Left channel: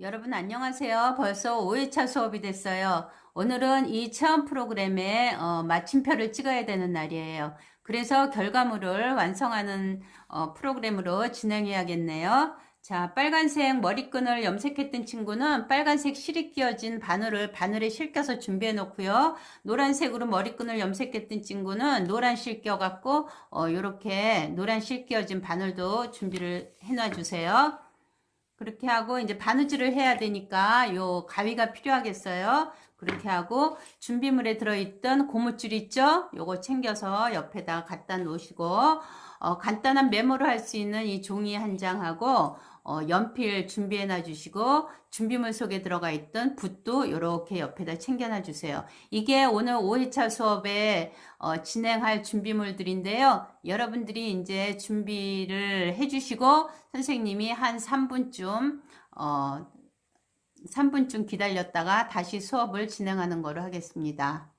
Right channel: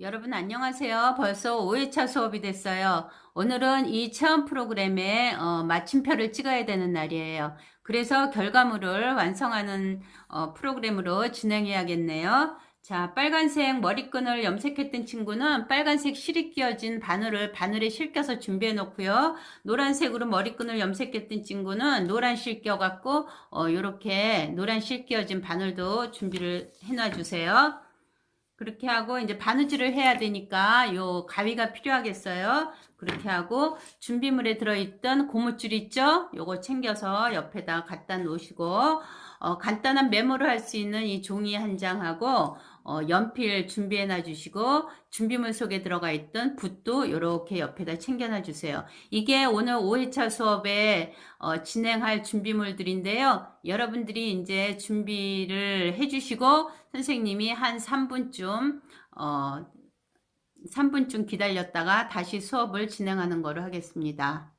여러분 안녕하세요. 벌써 5회차 수업이 됐어요. 오늘은 이 체험 프로그램에 마침표를 찍어야 되는 날이에요. 그래서 결과물을 완성하는 프로그램으로 진행해야겠네요. 자, 빨간색 머리끈을 염색했던 친구는 빨간색 실이 끼어진 바늘에 실겨서 준비해 놓고요. 노란색으로 머리끈을 염색했던 친구는 노란 실 껴갖고 요렇게 노란 실 끼어진 바늘도 준비를 해놔 주세요. 그렇게 하고 이제 바느질을 해야 되니까 요 가위가 필요하겠어요. 그렇게 하고 준비물에 들어있던 고무줄 있죠? 요거 챙겨서 옆에다 갖다 놓으시고 간단한 메모를 할 수 있는 이 종이 한 장하고 연필 준비해 놔 주시고 준비물 속에 들어가 있던 붓도 이렇게 옆에다 챙겨 놔 주세요. 이게 오늘 5회차 수업에 진행할 준비물들인데요. 여러분들이 이제 준비를 해 주시고 선생님이 한 3분쯤 기다렸다가 다시 수업을 진행하는 거로 하겠습니다.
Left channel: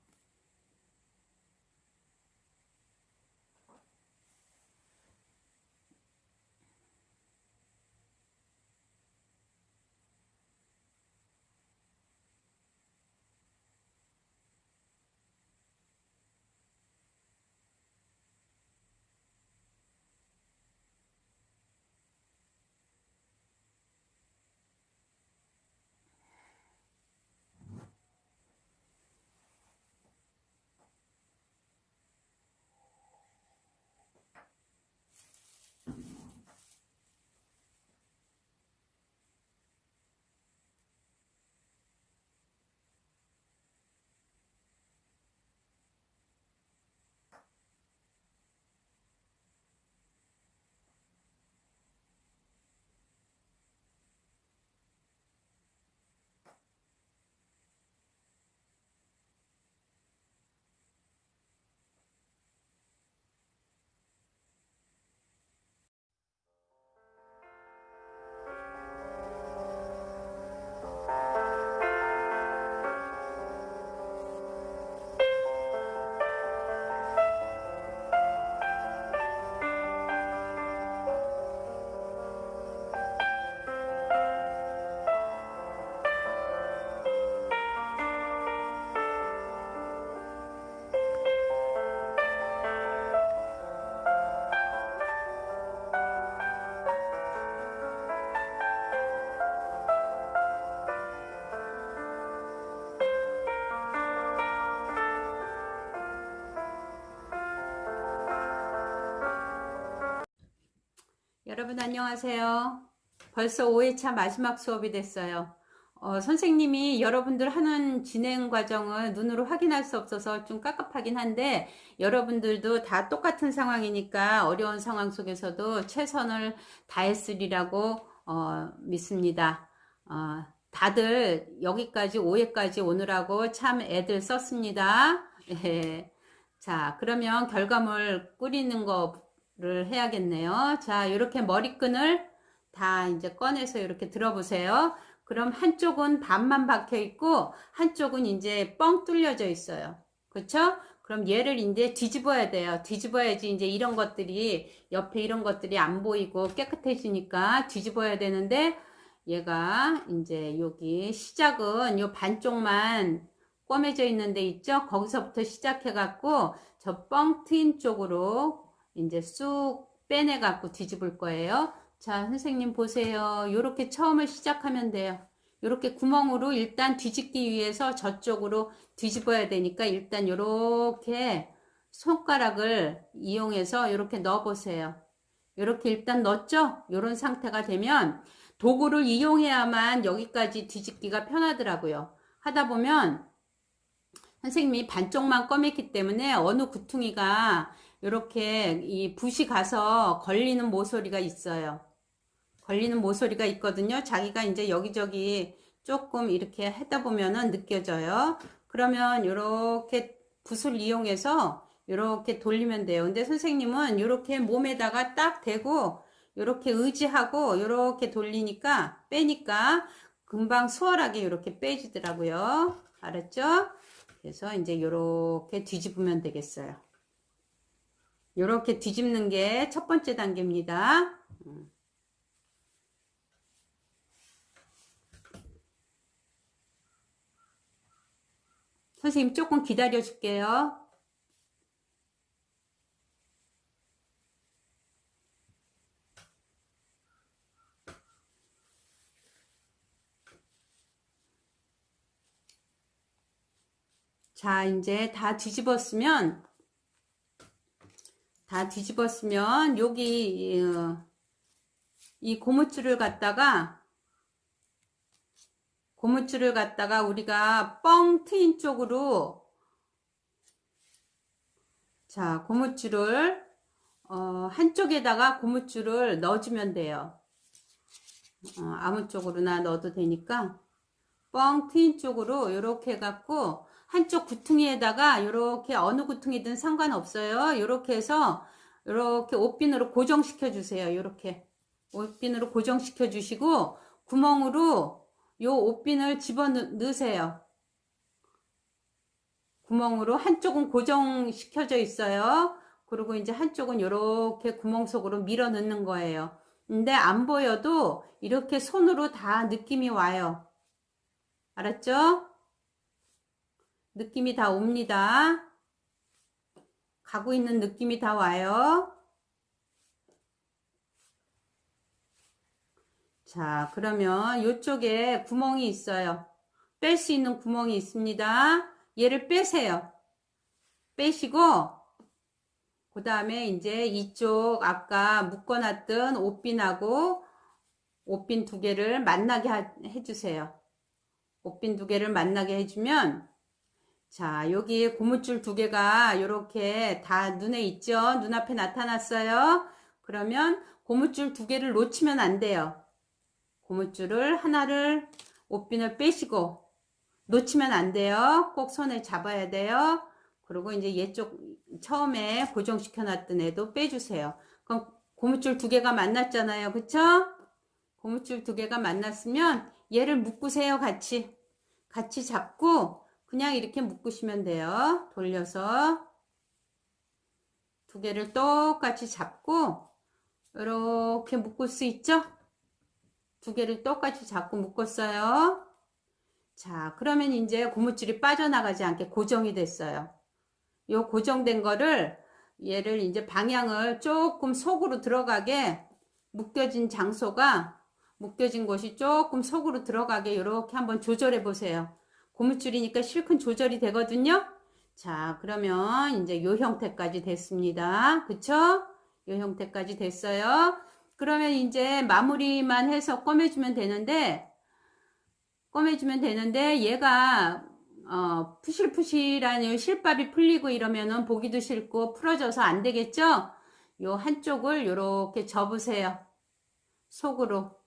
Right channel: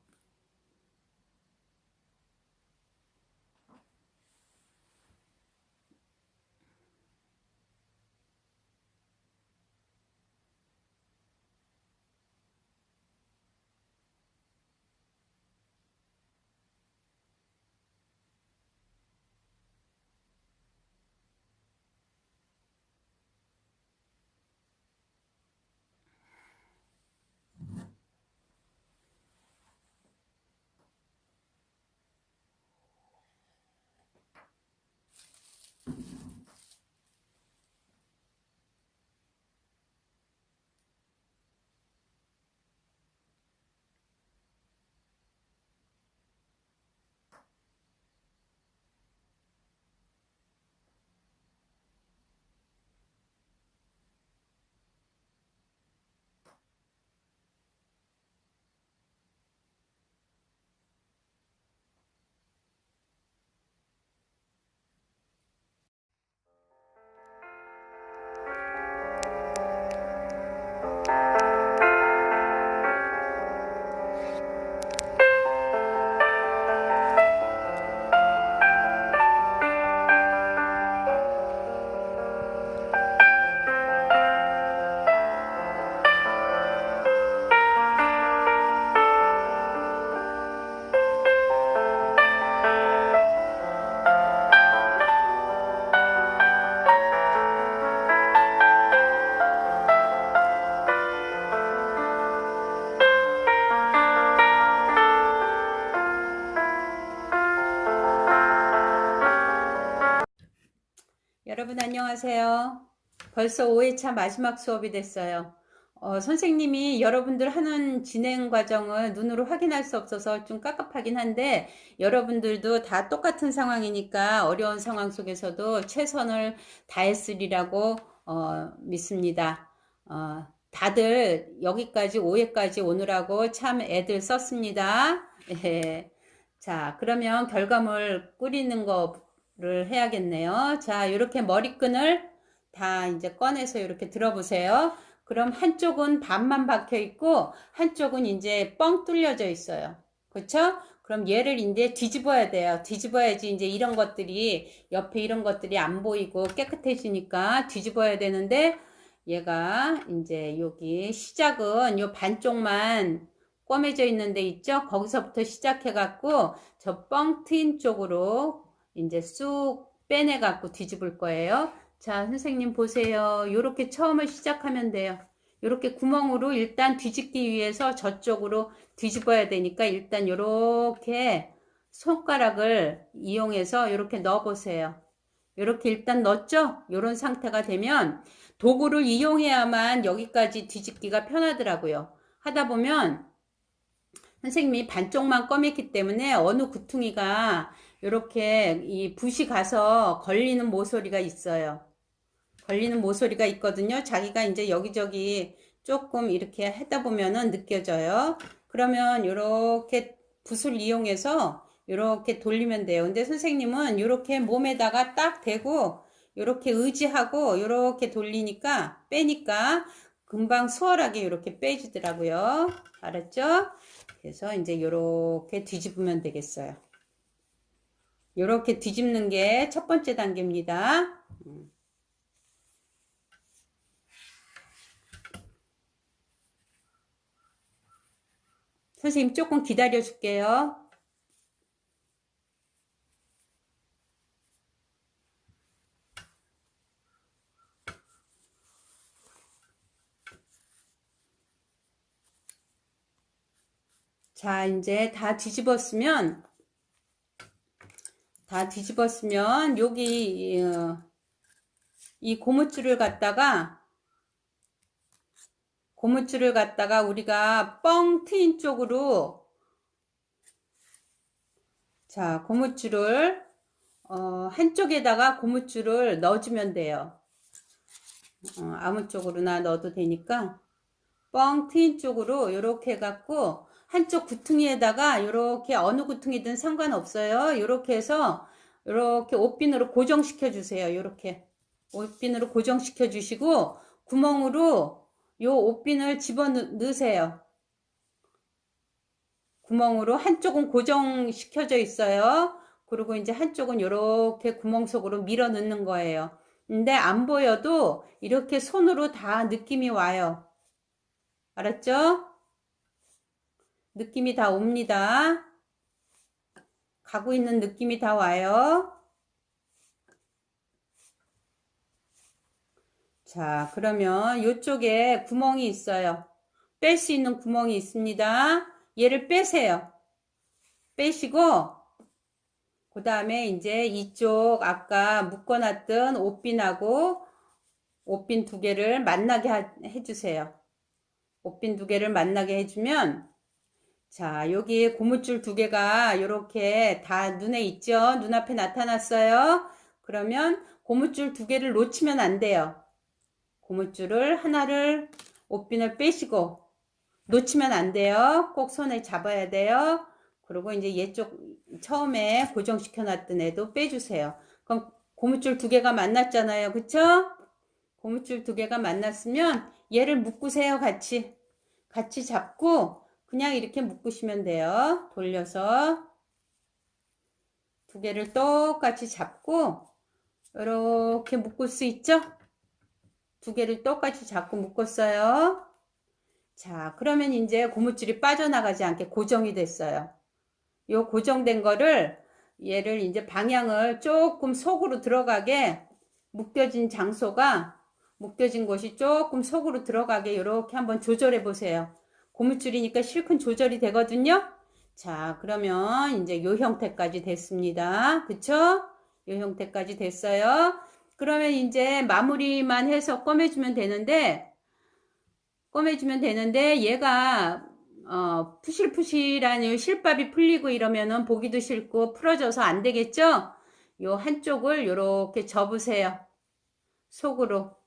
여러분 안녕하세요. 벌써 5회차 마지막 수업이 됐어요. 선생님이 여러분들 하는 진행 과정을 눈으로 확인할 수 없어서 좀 깝깝하긴 한데 여러분들도 다 똑같은 상황이니까 어려운 상황 속에서도 최선을 다했으리라고 믿습니다. 다들 여기까지 5회까지 오느라고 참 애들 썼습니다. 예. 자, 그러면 결과물 꾸리는 거를 해야겠네요. 자, 이렇게 머리끈을 다 이제 꺼내서 이렇게 들어보세요. 그럼 한쪽은 반만 박혀 있고 한쪽은 이제 뻥 뚫려져 있어요. 그렇죠? 그럼 얘를 이제 뒤집어야 돼요. 뒤집어야지 이제 이런 것들이 옆에 이런 것들이 안 보이고 깨끗해지니까 뒤집어야 되는데 얘가 이제 여기 시작은 요 반쪽만 꿰매져 있는 데 있죠? 거기서부터 시작해 갖고 저 뻥 트인 쪽으로 이제 쑥 빼내 갖고 뒤집을 거예요. 자, 선생님 보세요. 요렇게 처음을 시작하면 돼요. 요렇게 구멍으로 일단 뒤집기 위해서 저쪽으로 뒤집어야 되니까 일단 요렇게 손가락을 이용해서 요렇게 넣어 보세요. 요렇게 일단 넣었죠? 요런 상태가 되면 도구를 이용해야만 여기까지 뒤집기가 편하더라고요. 하다 보면 선생님이 반쪽만 꺼맸기 때문에 어느 구퉁이가 이렇게 이 붓이 가서 걸리는 모서리가 있어요. 걸리는 모서리가 있거든요. 자기가 이제 여기저기 조금 이렇게 하다 보면은 느껴져요. 그러면 이렇게 붓을 이용해서 이렇게 돌리면 돼요. 근데 선생님은 이렇게 몸에다가 딱 대고 이렇게 의지하고 이렇게 돌리니까 빼니까 금방 수월하게 이렇게 빼지더라고요. 알았죠? 그래서 이제 이렇게 뒤집으면 되겠어요. 이렇게 뒤집는 게 첫 번째 단계입니다. 선생님 조금 기다려 줄게요. 자, 이제 다 뒤집었으면 여기 이 고무줄을 갖다가 우리가 뻥 트인 쪽으로, 자, 고무줄을 한쪽에다가 고무줄을 넣어주면 돼요. 아무 쪽으로나 넣어도 되니까 뻥 트인 쪽으로 이렇게 해갖고 한쪽 구퉁이에다가 이렇게 어느 구퉁이든 상관없어요. 이렇게 해서 이렇게 옷핀으로 고정시켜 주세요. 이렇게 옷핀으로 고정시켜 주시고 구멍으로 요 옷핀을 집어 넣으세요. 구멍으로 한쪽은 고정시켜져 있어요. 그리고 이제 한쪽은 이렇게 구멍 속으로 밀어 넣는 거예요. 근데 안 보여도 이렇게 손으로 다 느낌이 와요. 알았죠? 느낌이 다 옵니다. 가고 있는 느낌이 다 와요. 자, 그러면 이쪽에 구멍이 있어요. 뺄 수 있는 구멍이 있습니다. 얘를 빼세요. 빼시고 그 다음에 이제 이쪽 아까 묶어놨던 옷핀하고 옷핀 두 개를 만나게 해주세요. 옷핀 두 개를 만나게 해주면, 자, 여기 고무줄 두 개가 이렇게 다 눈에 있죠? 눈앞에 나타났어요. 그러면 고무줄 두 개를 놓치면 안 돼요. 고무줄을 하나를 옷핀을 빼시고 놓치면 안 돼요. 꼭 손에 잡아야 돼요. 그리고 이제 얘쪽 처음에 고정시켜 놨던 애도 빼주세요. 그럼 고무줄 두 개가 만났잖아요. 그쵸? 고무줄 두 개가 만났으면 얘를 묶으세요. 같이 잡고 그냥 이렇게 묶으시면 돼요. 돌려서 두 개를 똑같이 잡고 이렇게 묶을 수 있죠? 두 개를 똑같이 잡고 묶었어요. 자, 그러면 이제 고무줄이 빠져나가지 않게 고정이 됐어요. 요 고정된 거를 얘를 이제 방향을 조금 속으로 들어가게, 묶여진 곳이 조금 속으로 들어가게 이렇게 한번 조절해 보세요. 고무줄이니까 실컷 조절이 되거든요. 자, 그러면 이제 요 형태까지 됐습니다. 그쵸? 요 형태까지 됐어요. 그러면 이제 마무리만 해서 꺼매주면 되는데 얘가 푸실푸실한 실밥이 풀리고 이러면은 보기도 싫고 풀어져서 안 되겠죠? 요 한쪽을 요렇게 접으세요. 속으로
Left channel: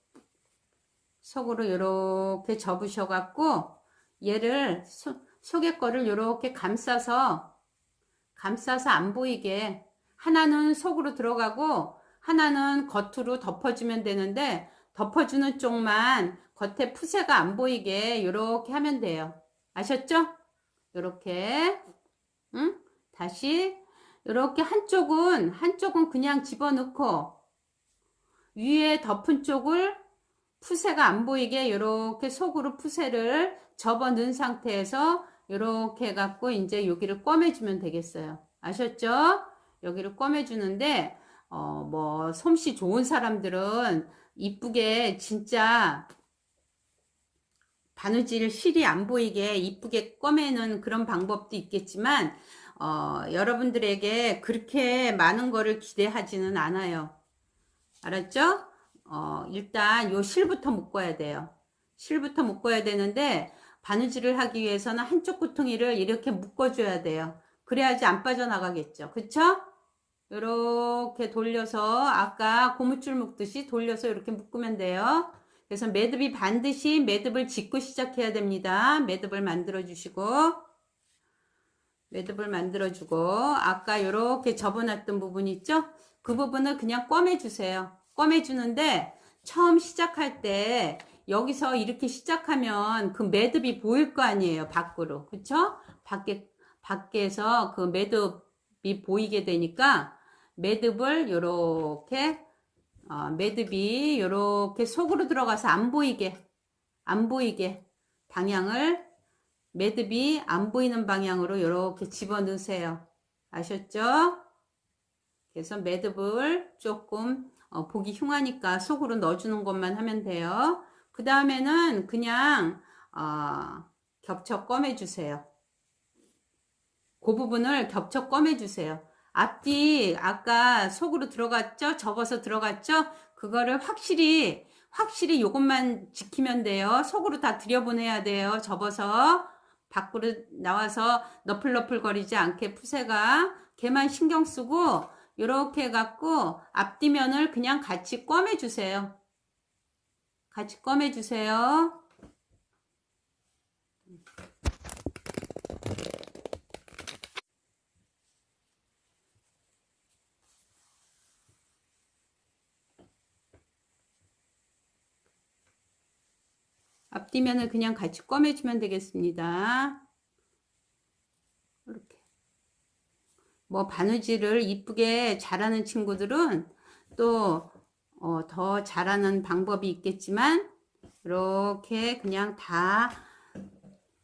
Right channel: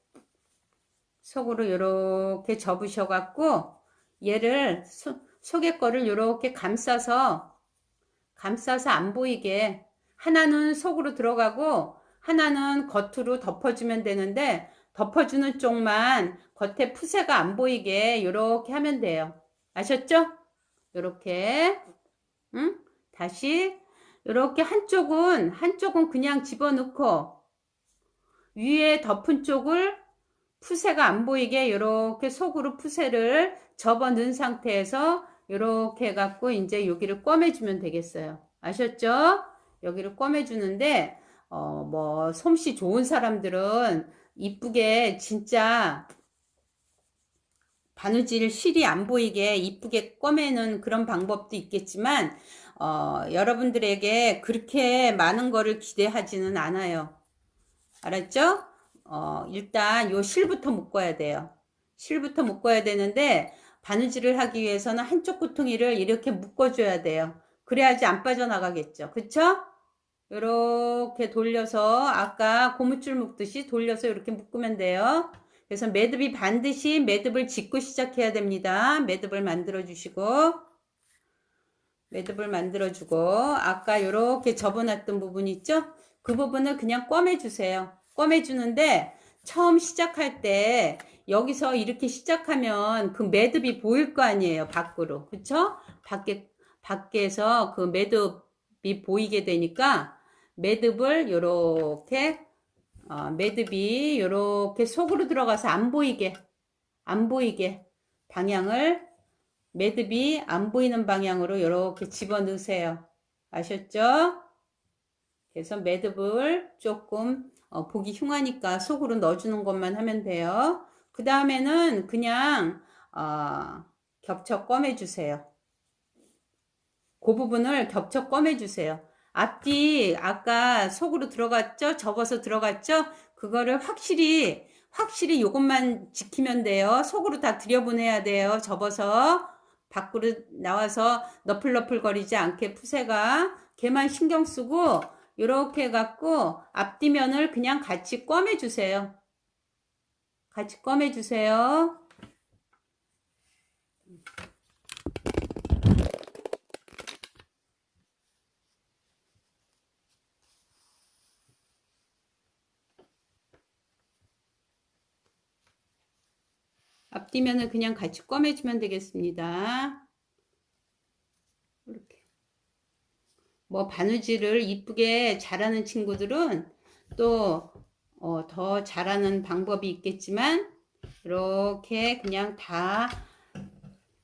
요렇게 접으셔 갖고 얘를 속에 거를 요렇게 감싸서 안 보이게, 하나는 속으로 들어가고 하나는 겉으로 덮어주면 되는데, 덮어주는 쪽만 겉에 푸세가 안 보이게 요렇게 하면 돼요. 아셨죠? 요렇게. 응? 다시 요렇게 한쪽은 그냥 집어넣고 위에 덮은 쪽을 푸세가 안 보이게 요렇게 속으로 푸세를 접어 넣은 상태에서 요렇게 해갖고 이제 여기를 꿰매주면 되겠어요. 아셨죠? 여기를 꿰매주는데 뭐 솜씨 좋은 사람들은 이쁘게 진짜 바느질 실이 안 보이게 이쁘게 꿰매는 그런 방법도 있겠지만 여러분들에게 그렇게 많은 거를 기대하지는 않아요. 알았죠? 일단 요 실부터 묶어야 돼요. 실부터 묶어야 되는데 바느질을 하기 위해서는 한쪽 구퉁이를 이렇게 묶어줘야 돼요. 그래야지 안 빠져나가겠죠. 그쵸? 이렇게 돌려서 아까 고무줄 묶듯이 돌려서 이렇게 묶으면 돼요. 그래서 매듭이 반드시 매듭을 짓고 시작해야 됩니다. 매듭을 만들어 주고 아까 이렇게 접어놨던 부분 있죠? 그 부분을 그냥 꿰매주세요. 꿰매주는데 처음 시작할 때 여기서 이렇게 시작하면 그 매듭이 보일 거 아니에요. 밖으로. 그쵸? 밖에서 그 매듭이 보이게 되니까 매듭을 요렇게 매듭이 요렇게 속으로 들어가서 안 보이게 방향을 매듭이 안 보이는 방향으로 이렇게 집어넣으세요. 아셨죠? 그래서 매듭을 조금 보기 흉하니까 속으로 넣어주는 것만 하면 돼요. 그 다음에는 그냥 겹쳐 꿰매주세요. 그 부분을 겹쳐 꿰매주세요. 앞뒤 아까 속으로 들어갔죠? 접어서 들어갔죠? 그거를 확실히 요것만 지키면 돼요. 속으로 다 들여보내야 돼요. 접어서 밖으로 나와서 너플너플 거리지 않게 푸세가 걔만 신경 쓰고 요렇게 해갖고 앞뒤면을 그냥 같이 꿰매주세요. 같이 꿰매주세요. 앞뒤면을 그냥 같이 꿰매주면 되겠습니다. 이렇게. 뭐 바느질을 이쁘게 잘하는 친구들은 또 더 잘하는 방법이 있겠지만 이렇게 그냥 다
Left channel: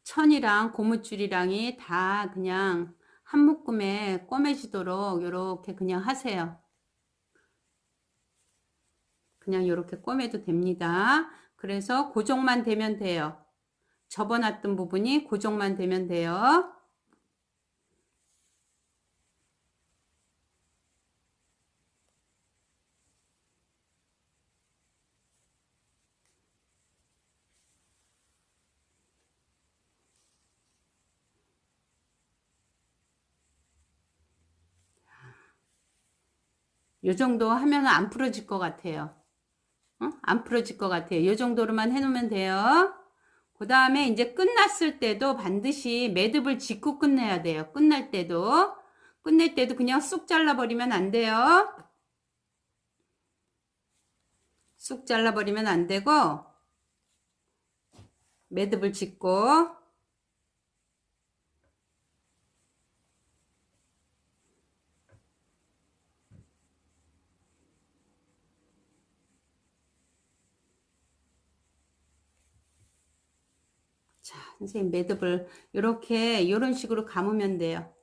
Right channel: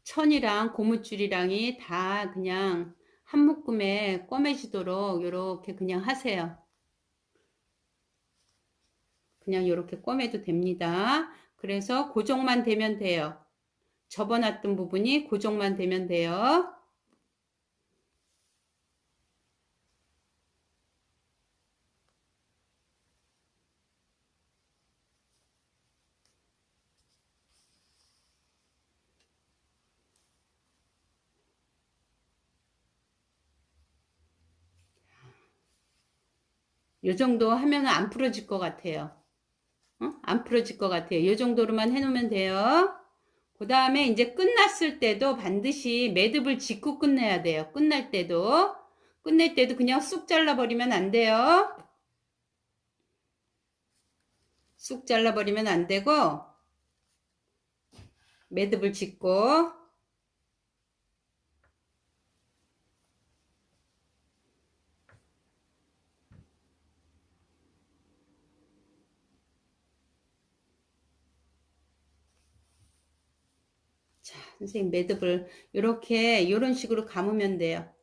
천이랑 고무줄이랑이 다 그냥 한 묶음에 꿰매지도록 이렇게 그냥 하세요. 그냥 이렇게 꿰매도 됩니다. 그래서 고정만 되면 돼요. 접어놨던 부분이 고정만 되면 돼요. 요 정도 하면 안 풀어질 것 같아요. 안 풀어질 것 같아요. 이 정도로만 해놓으면 돼요. 그 다음에 이제 끝났을 때도 반드시 매듭을 짚고 끝내야 돼요. 끝낼 때도 그냥 쑥 잘라버리면 안 돼요. 쑥 잘라버리면 안 되고 매듭을 짚고 자, 선생님 매듭을 이런 식으로 감으면 돼요.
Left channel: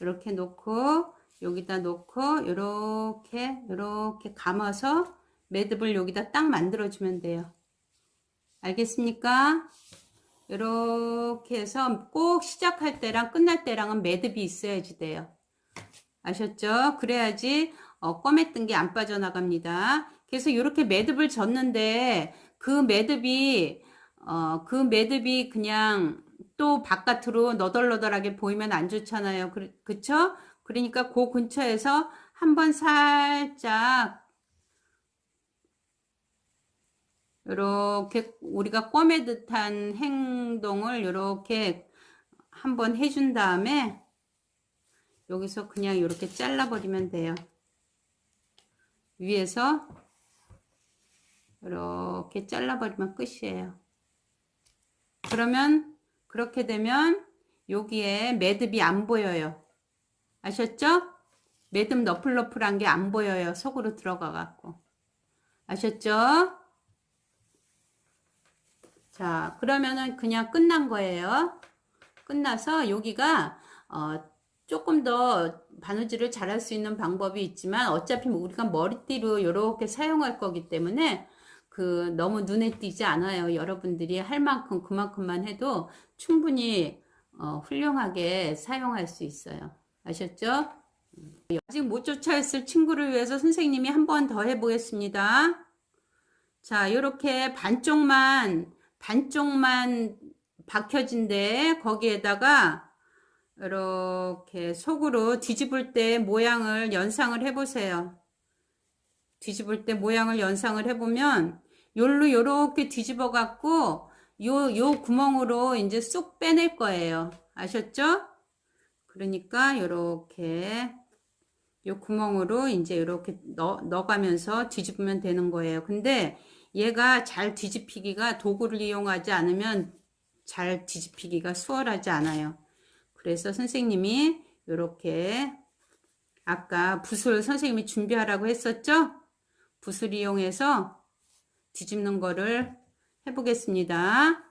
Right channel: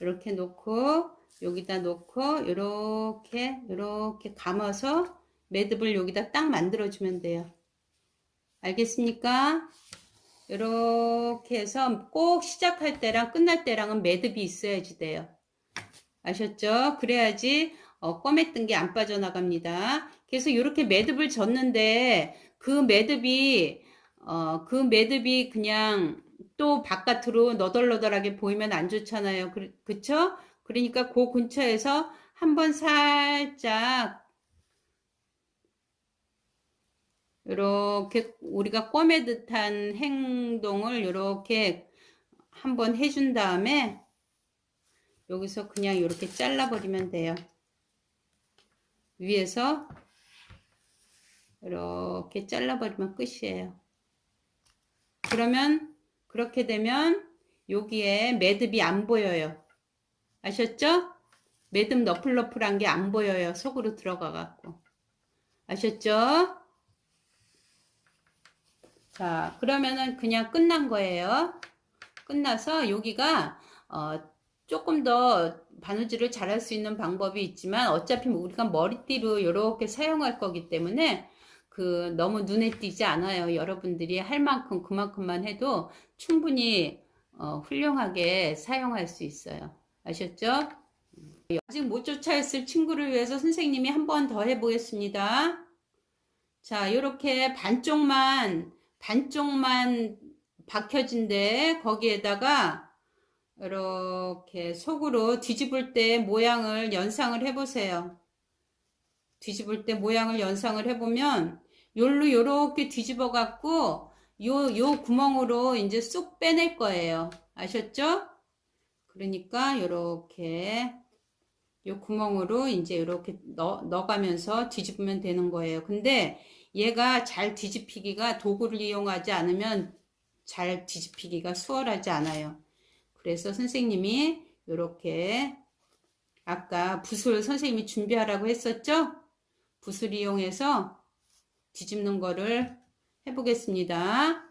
이렇게 놓고 여기다 놓고 이렇게 감아서 매듭을 여기다 딱 만들어 주면 돼요. 알겠습니까? 이렇게 해서 꼭 시작할 때랑 끝날 때랑은 매듭이 있어야지 돼요. 아셨죠? 그래야지 꿰맸던 게 안 빠져나갑니다. 그래서 이렇게 매듭을 졌는데 그 매듭이 그냥 또 바깥으로 너덜너덜하게 보이면 안 좋잖아요. 그쵸? 그러니까 그 근처에서 한번 살짝 이렇게 우리가 꿰매듯한 행동을 이렇게 한번 해준 다음에 여기서 그냥 이렇게 잘라버리면 돼요. 위에서 이렇게 잘라버리면 끝이에요. 그러면 그렇게 되면 여기에 매듭이 안 보여요. 아셨죠? 매듭 너플너플한 게 안 보여요. 속으로 들어가 갖고. 아셨죠? 자, 그러면은 그냥 끝난 거예요. 끝나서 여기가 조금 더 바느질을 잘할 수 있는 방법이 있지만 어차피 우리가 머리띠로 이렇게 사용할 거기 때문에 너무 눈에 띄지 않아요. 여러분들이 할 만큼 그만큼만 해도 충분히 훌륭하게 사용할 수 있어요. 아셨죠? 아직 못 쫓아했을 친구를 위해서 선생님이 한 번 더 해보겠습니다. 자, 이렇게 반쪽만 박혀진데 거기에다가 이렇게 속으로 뒤집을 때 모양을 연상을 해보세요. 뒤집을 때 모양을 연상을 해보면 요렇게 뒤집어 갖고 요 구멍으로 이제 쑥 빼낼 거예요. 아셨죠? 그러니까 요렇게 요 구멍으로 이제 이렇게 넣어가면서 뒤집으면 되는 거예요. 근데 얘가 잘 뒤집히기가 도구를 이용하지 않으면 잘 뒤집히기가 수월하지 않아요. 그래서 선생님이 이렇게 아까 붓을 선생님이 준비하라고 했었죠? 붓을 이용해서 뒤집는 거를 해보겠습니다.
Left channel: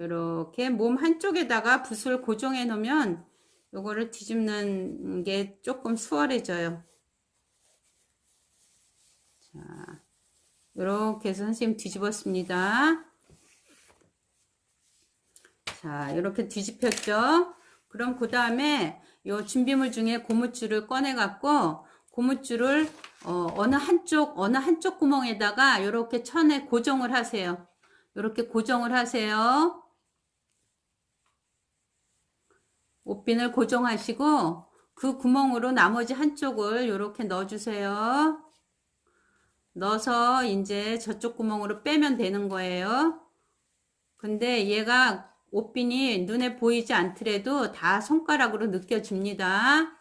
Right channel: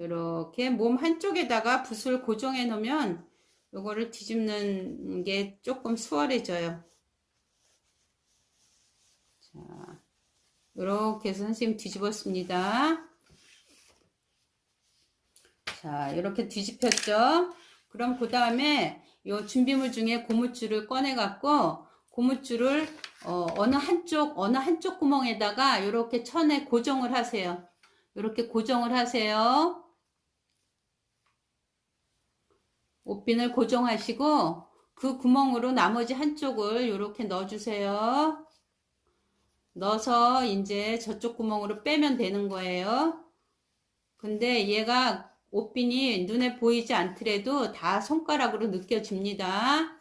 이렇게 몸 한쪽에다가 붓을 고정해 놓으면 요거를 뒤집는 게 조금 수월해져요. 자, 이렇게 해서 선생님 뒤집었습니다. 자, 이렇게 뒤집혔죠? 그럼 그 다음에 요 준비물 중에 고무줄을 꺼내 갖고 고무줄을 어느 한쪽 구멍에다가 이렇게 천에 고정을 하세요. 이렇게 고정을 하세요. 옷핀을 고정하시고 그 구멍으로 나머지 한쪽을 이렇게 넣어주세요. 넣어서 이제 저쪽 구멍으로 빼면 되는 거예요. 근데 얘가 옷핀이 눈에 보이지 않더라도 다 손가락으로 느껴집니다.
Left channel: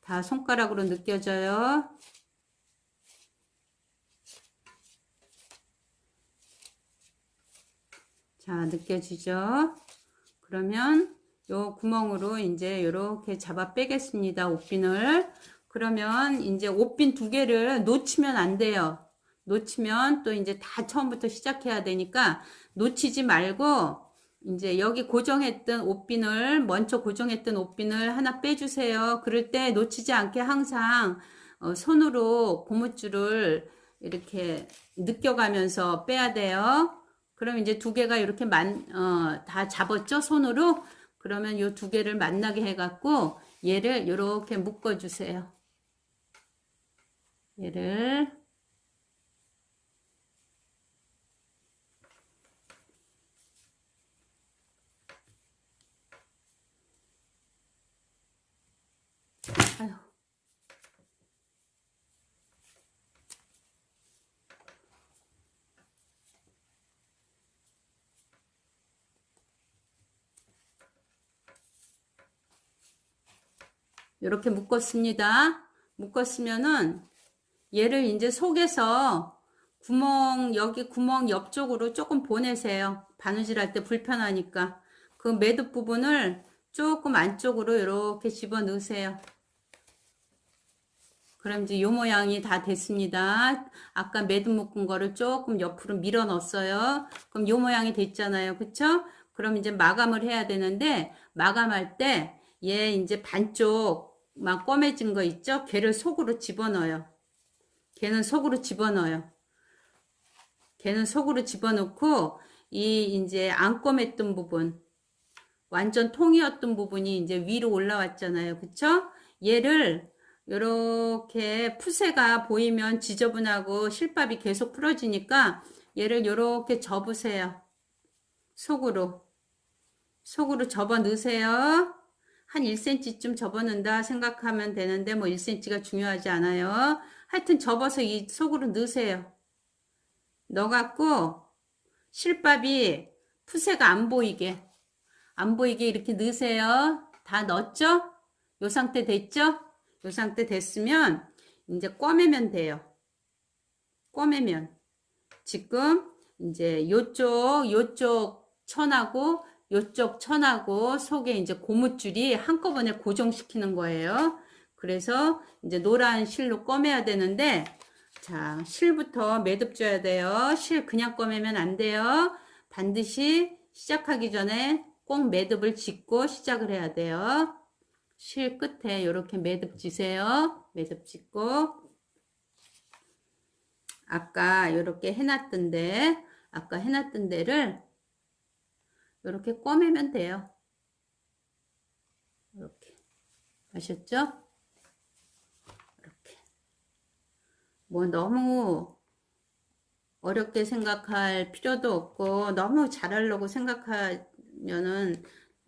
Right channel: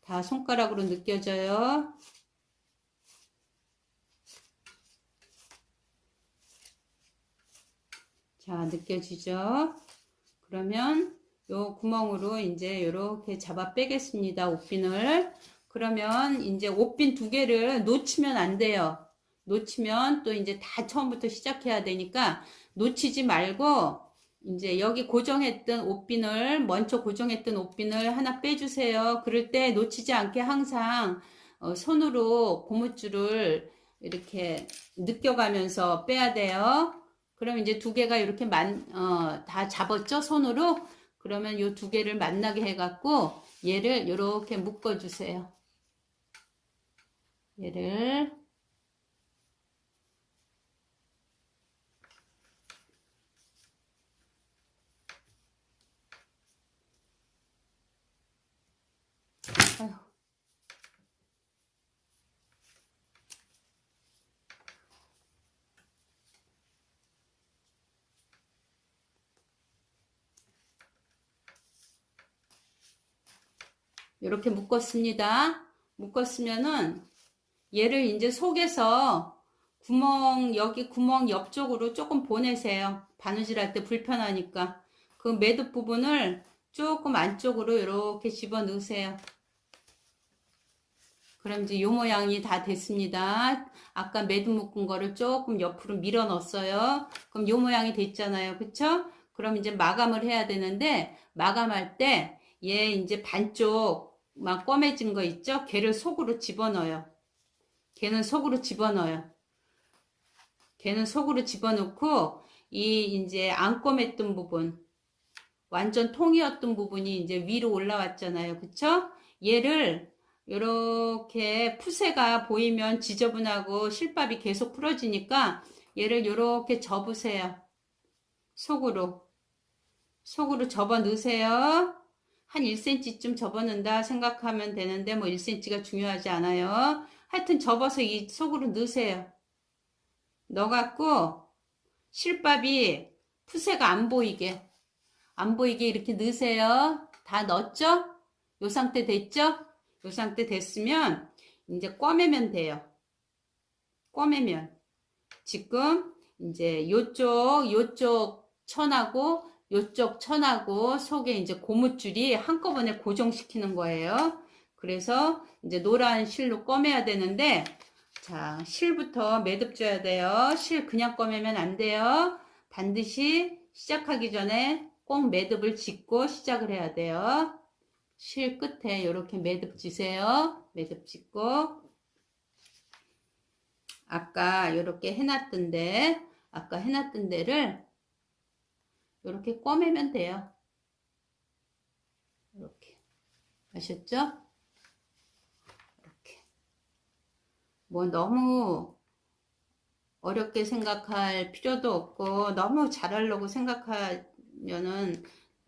다 손가락으로 느껴져요. 자, 느껴지죠? 그러면 요 구멍으로 이제 이렇게 잡아 빼겠습니다. 옷핀을. 그러면 이제 옷핀 두 개를 놓치면 안 돼요. 놓치면 또 이제 다 처음부터 시작해야 되니까 놓치지 말고 이제 여기 고정했던 옷핀을 먼저 고정했던 옷핀을 하나 빼주세요. 그럴 때 놓치지 않게 항상 손으로 고무줄을 이렇게 느껴가면서 빼야 돼요. 그럼 이제 두 개가 이렇게 다 잡았죠? 손으로? 그러면 요 두 개를 만나게 해갖고 얘를 이렇게 묶어주세요. 얘를 아유. 이렇게 묶었습니다. 묶었으면은 얘를 이제 속에서 여기 구멍 옆쪽으로 조금 보내세요. 바느질 할 때 불편하니까. 그 매듭 부분을 조금 안쪽으로 이렇게 집어 넣으세요. 그럼 이제 요 모양이 다 됐습니다. 아까 매듭 묶은 거를 조금 옆으로 밀어 넣었어요. 그럼 요 모양이 됐잖아요. 그쵸? 그럼 이제 마감을 해야 되는데, 마감할 때, 얘 이제 반쪽 막 검해진 거 있죠? 걔를 속으로 집어넣어요. 걔는 속으로 집어넣어요. 걔는 속으로 집어넣고, 이제 안 검했던 부분, 완전 통이었던 부분이 이제 위로 올라왔잖아요. 그쵸? 얘를 요렇게 푸세가 보이면 지저분하고 실밥이 계속 풀어지니까 얘를 요렇게 접으세요. 속으로 접어 넣으세요. 한 1cm쯤 접어 넣는다 생각하면 되는데 뭐 1cm가 중요하지 않아요. 하여튼 접어서 이 속으로 넣으세요. 넣어갖고 실밥이 푸세가 안 보이게 이렇게 넣으세요. 다 넣었죠? 요 상태 됐죠? 요 상태 됐으면 이제 꿰매면 돼요. 꿰매면 지금 이제 요쪽 천하고 요쪽 천하고 속에 이제 고무줄이 한꺼번에 고정시키는 거예요. 그래서 이제 노란 실로 꿰매야 되는데, 자, 실부터 매듭 줘야 돼요. 실 그냥 꿰매면 안 돼요. 반드시 시작하기 전에 꼭 매듭을 짓고 시작을 해야 돼요. 실 끝에 이렇게 매듭 지세요. 매듭 짓고 아까 이렇게 해놨던 데를 이렇게 꿰매면 돼요. 이렇게 아셨죠? 이렇게 뭐 너무 어렵게 생각할 필요도 없고 너무 잘하려고 생각하면은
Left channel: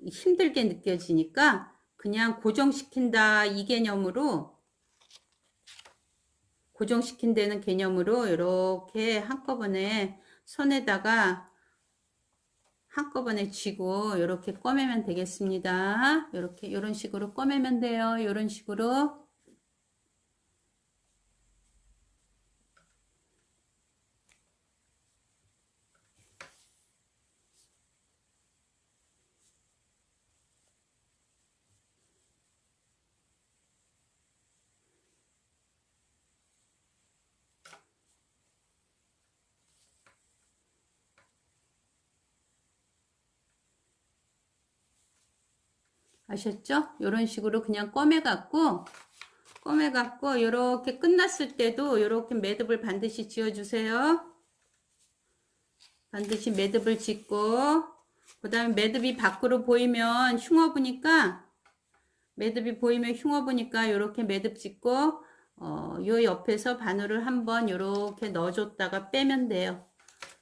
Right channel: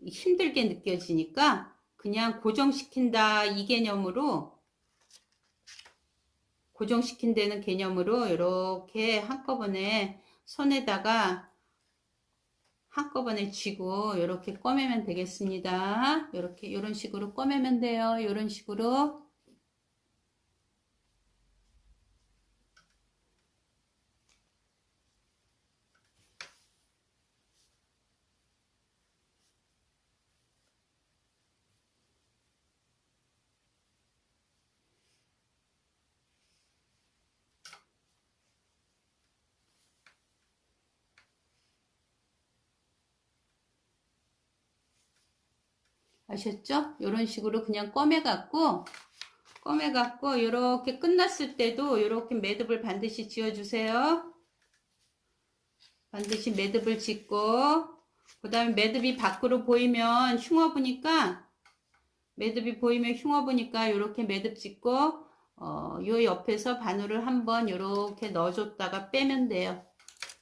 힘들게 느껴지니까 그냥 고정시킨다 이 개념으로, 고정시킨다는 개념으로 이렇게 한꺼번에 손에다가 한꺼번에 쥐고 이렇게 꿰매면 되겠습니다. 이렇게 이런 식으로 꿰매면 돼요. 이런 식으로. 아셨죠? 이런 식으로 그냥 꺼매갖고 이렇게 끝났을 때도 이렇게 매듭을 반드시 지어주세요. 반드시 매듭을 짓고, 그 다음에 매듭이 밖으로 보이면 흉어부니까 이렇게 매듭 짓고, 요 옆에서 바늘을 한번 이렇게 넣어줬다가 빼면 돼요.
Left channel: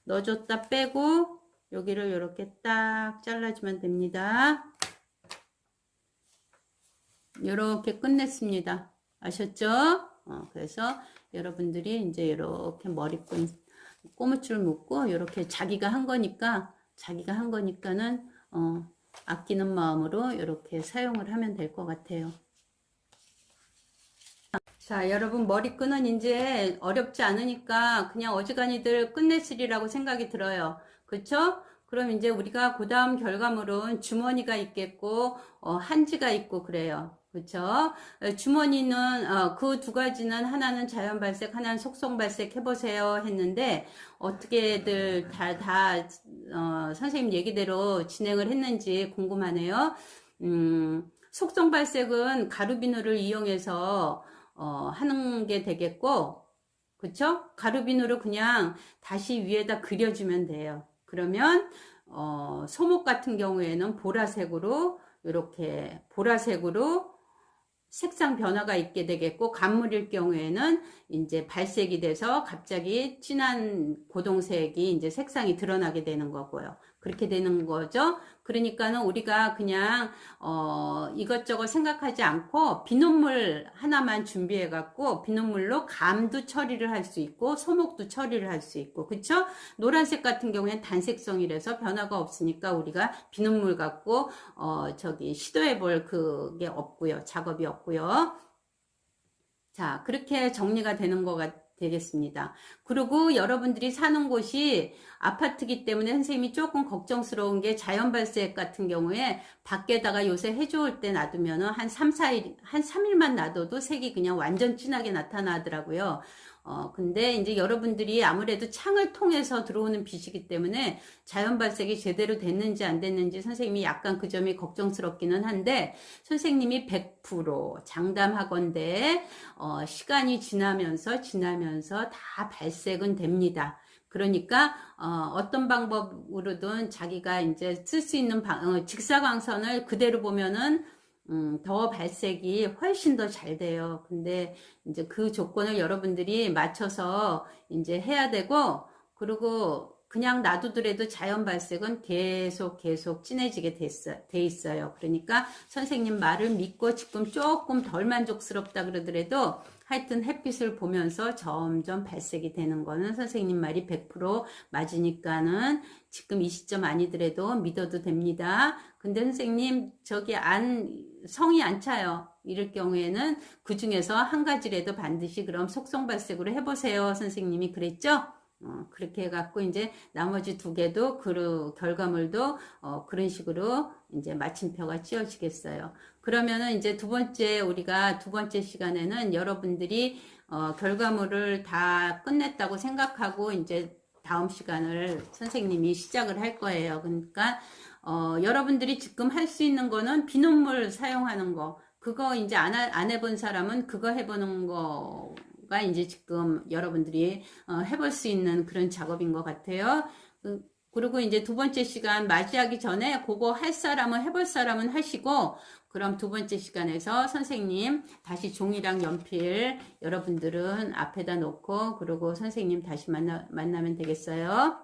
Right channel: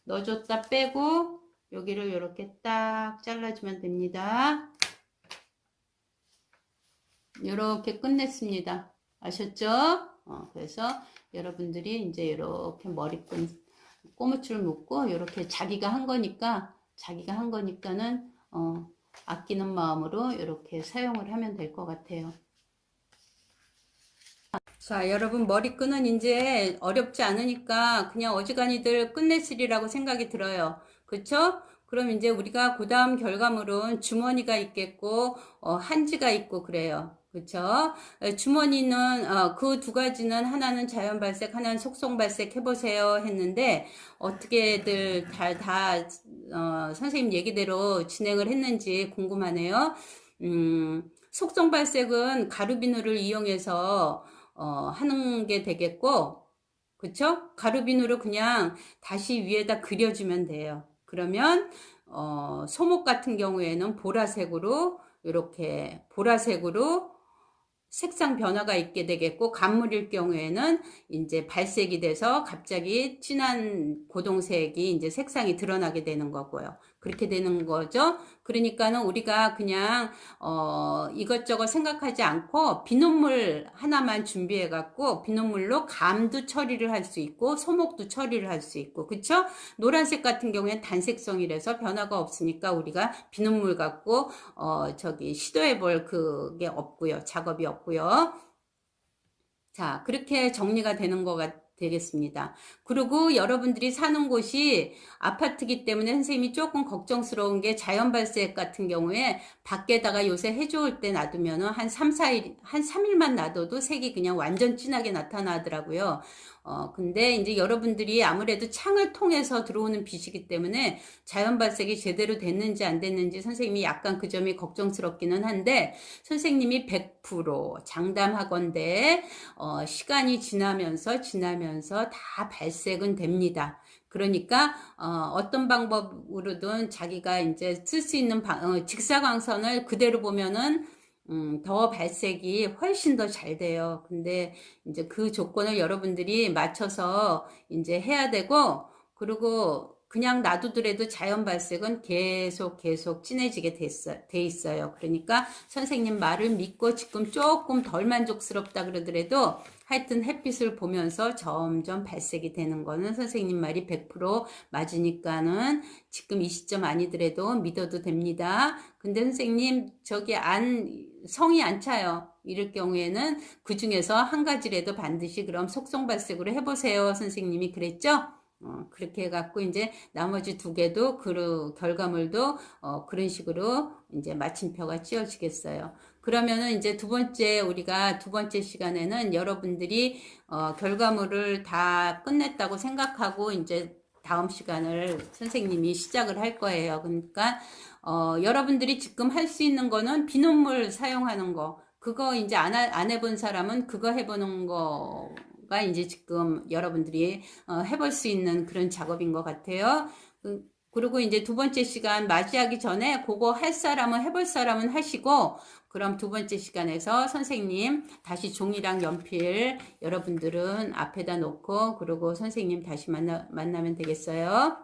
넣어줬다 빼고, 여기를 이렇게 딱 잘라주면 됩니다. 이렇게 끝냈습니다. 아셨죠? 그래서 여러분들이 이제 이렇게 머리끈 꼬무줄 묶고 이렇게 자기가 한 거니까는 아끼는 마음으로 이렇게 사용을 하면 될 것 같아요. 자, 여러분 머리끈은 이제 어렵지 않으니까 그냥 어지간히들 끝냈으리라고 생각이 들어요. 그쵸? 그럼 이제 우리가 그 다음 결과물은 주머니가 있겠고 한지가 있고 그래요. 그쵸? 주머니는 그 두 가지는 하나는 자연 발색, 하나는 속성 발색 해보세요 했는데 어떻게들 선생님 얘기대로 진행을 했는지 궁금하네요. 속성 발색은 가루비누를 이용해서 하는 게 되겠고, 그쵸? 가루비누를 그냥 다시 위에다 그려주면 돼요. 그러면 소목 같은 경우에는 이렇게 보라색으로 색상 변화가 있게 되겠고, 간물일 경우에는 이제 발색이 돼서 갑자기 진한 고동색이 이제 색상이 드러나게 되는 거고요. 그렇게 되는 거죠. 그러니까는 우리가 그냥 이것저것 생각하지 않고 비눗물 하나만 준비해 갖고 비눗물로 감도 처리를 할 수 있고 소목도 처리를 할 수 있고, 그쵸? 노란색 같은 경우에는 단색성이라서 변화가 없으니까 우리가 비눗물 갖고 시도해 볼 그게 없고요. 작업이 없고요. 자, 그렇게 정리가 되는 되겠습니다. 그리고 여러분들이 사는 곳이 아파트기 때문에 선생님이 조금 걱정스러운 게 자연 발색 같은 경우에 밖에다가 요새 해좋을 때 놔두면은 한 3일만 놔둬도 색이 그냥 완전 진하게 나타나더라고요. 근데 이제 여러분들이 아무래도 창을 통해서 들어오는 빛이기 때문에 자연 발색이 제대로 됐는지 안 됐는지 선생님이 약간 그 점이 걱정스럽기는 한데, 선생님이 100% 장담하건대 시간이 지나면서 다 발색은 됩니다. 그러니까 어떤 방법으로든 자기가 이제 쓸 수 있는 직사광선을 그대로 보면은 더 발색이 훨씬 더 잘 돼요. 근데 이제 그 조건을 여러분들이 맞춰서 이제 해야 되고, 그리고 그냥 놔두더라도 자연 발색은 계속 진해지게 돼 있어요. 그러니까 선생님 말을 믿고 지금 조금 덜 만족스럽다 그러더라도 하여튼 햇빛을 보면서 점점 발색이 되는 거는 선생님 말이 100% 맞으니까는 지금 이 시점 아니더라도 믿어도 됩니다. 근데 선생님 성이 안 차요. 이럴 경우에는 그 중에서 한 가지라도 반드시 그럼 속성 발색으로 해보세요. 선생님이 그랬죠? 그렇게 해갖고 이제 나머지 두 개도 결과물도 그런 식으로 이제 마침표가 씌워지겠어요. 그러면은 이제 우리가 두 번째 시간에는 여러분들이 결과물을 다 끝냈다고 생각하고 이제 다음 시간을 선생님이 시작을 할 거예요. 그러니까 여러분들이 지금 할 수 있는 거는 비눗물 사용하는 거, 그거 이제 안 해본 사람은 그거 해보는 거가 이제 지금 여러분들이 해볼 수 있는 그런 작업인 것 같아요. 그리고 이제 두 번째 시간 맞이하기 전에 그거 해볼 사람은 하시고, 그럼 두 번째 시간에서 선생님 다시 종이랑 연필 여러분들은 앞에다 놓고, 그리고 선생님 다시 만나면 되겠어요.